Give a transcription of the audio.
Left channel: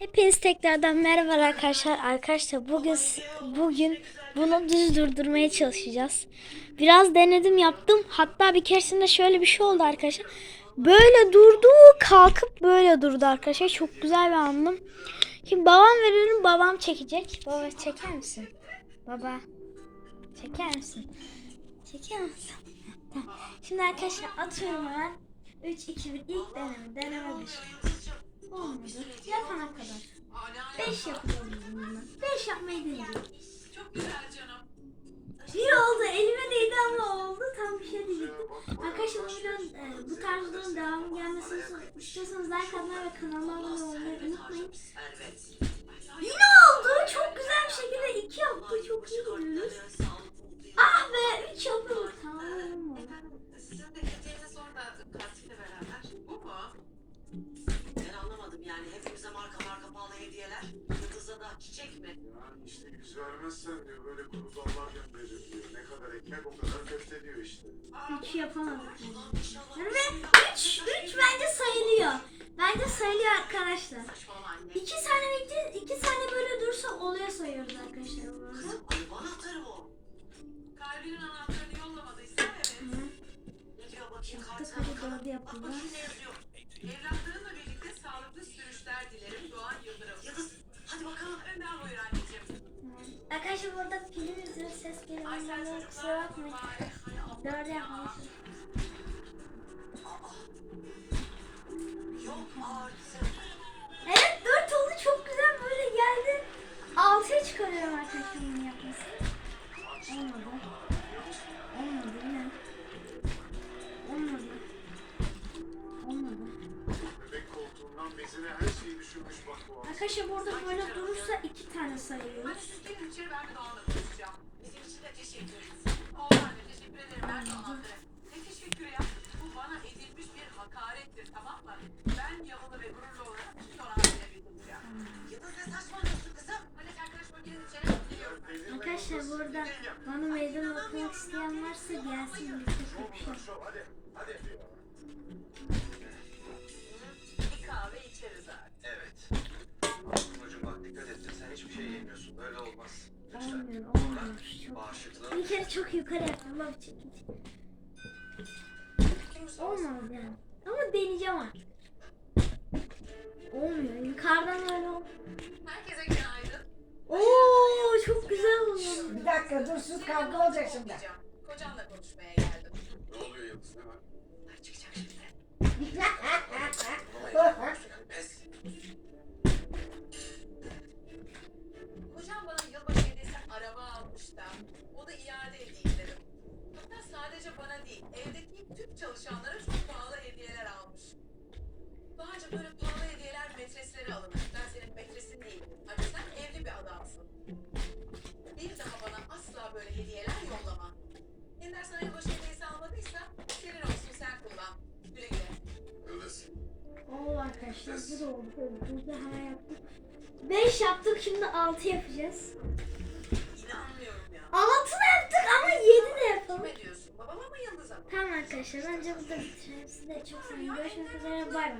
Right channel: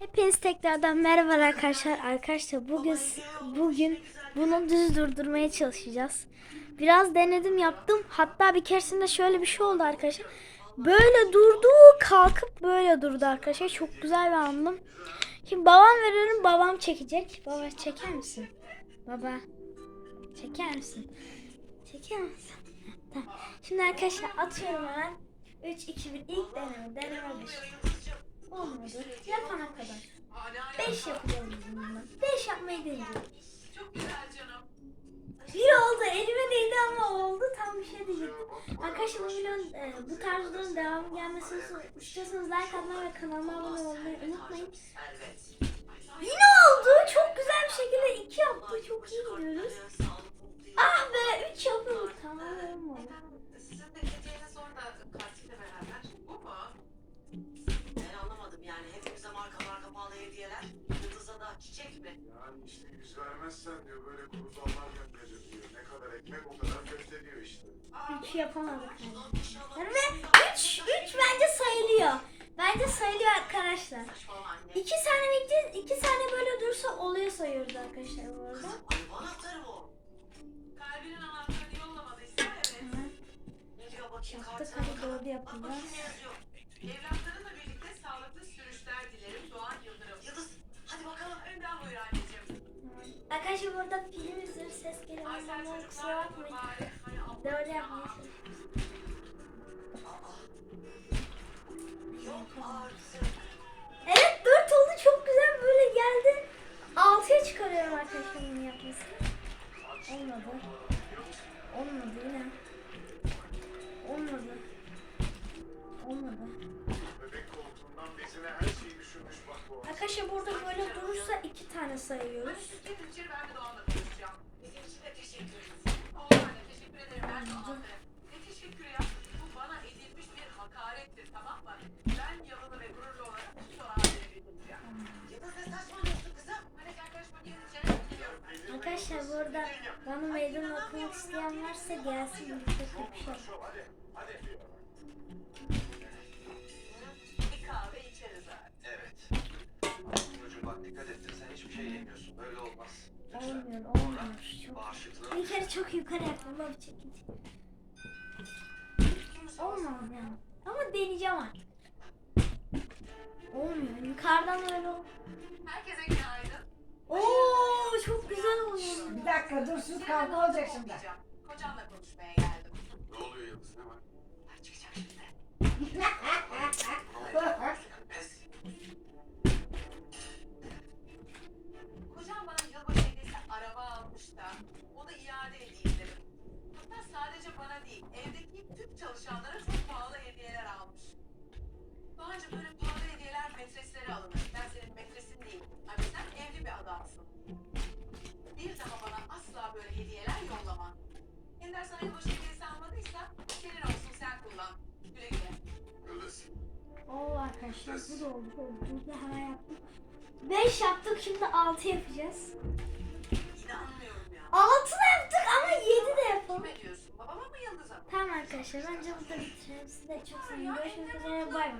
Hepiniz tekrardan merhaba arkadaşlar. Arkadaşlar bugün bugün bunu düz durdurmaya çalışacağız. Biraz denedim yaptım. Hatta bir keresinde şöyle bir şey oldu arkadaşlar. Böyle durdu kalkıp böyle durdu arkadaşlar. Çok güzel bir andım. Şimdi babam veriyorum babam çekecek. Baba çeker misin? Baba çeker misin? Çeker misin? Şimdi arkadaşlar atıyorum hemen. 3, 2, 1 ilk deneme. Deneme. Olmadı. Kadar. 5 yapacağız biz bununla. 5 yapmayı deneyeceğiz. Bir oldu. Elime değdi ama oldu. Tam bir şey diyecektim. Arkadaşlar bu videonun e, bu tarz videonun devamı gelmesini istiyorsanız like atmayı ve kanalıma abone olmayı unutmayın. Yine oldu. Çok güzel bir şekilde 2 yaptı. Çok iyi gidiyoruz. Çiçek mi? Yani işte yüz vermezsen diyor böyle kuru zamlar gönderir diyor. Ne kadar ekmek o kadar köfte diyor işte. 3 yapamadık. Yani ve 3 3 bence sayılıyor. Bence sayılıyor arkadaşlar. 2 saniye bekle, 2 saniye böyle dursa oluyor sayıyoruz arkadaşlar bu arada. Anahtarı bu. Kalbinin anahtarını yollamadıysa evet. Hemen Ne diyor bakayım yaptık kartına hadi kanadı Bak kusura bakmayın. Yok artık. Evet 4 oldu çok güzel böyle geldi. 6'ya çıkarıyorum arkadaşlar bunu yapmasını. Olmadı. Olmadı yine. Olmadı. Olmadı. Arkadaşlar burada böyle durursa 2 tane sayıyoruz. Arkadaşlar burada bana meydan okumak isteyen varsa gelsin birlikte kapışalım. Şov hadi. Hadi. Bir kahve içeriz abi. Evet. Ablacığım bak dikkat et sen hiçbir şey yemiyorsun. Böyle olmaz. Olmuyor, olmuyor. Çok... Bir kere çok yukarı yaptım. Bak çekin. Olmadı yani. Ama deneyeceğim artık. Olmuyor. Yukarıdan böyle ol. Herkese günaydın. Oo çok güzel oldu. Bir dakika dur sus kavga olacak şimdi. Kocanla konuşmaya geldim. Ne oluyor Yıldız hemen? Ay çıkacak şimdi. Pes. Kocam bana yılbaşı hediyesi araba almış da onu iade edeyim dedim. Hatta sadece bana değil, evdeki tüm çalışanlara Yılbaşı hediyesi almadıysa senin olsun sen kullan. Güle güle. Yıldız. Oo arkadaşlar bu da oldu. Burada hemen yaptık. 5 yaptık şimdi 6 yapacağız. İnanmıyorum ya. 6 da yaptık ama 7 de yapalım. Kime diyorsun? Babama mı Yıldız'a mı? Tamam arkadaşlar bence burada bitirelim. Size çok seviyorum. Görüşmek üzere. Bay bay.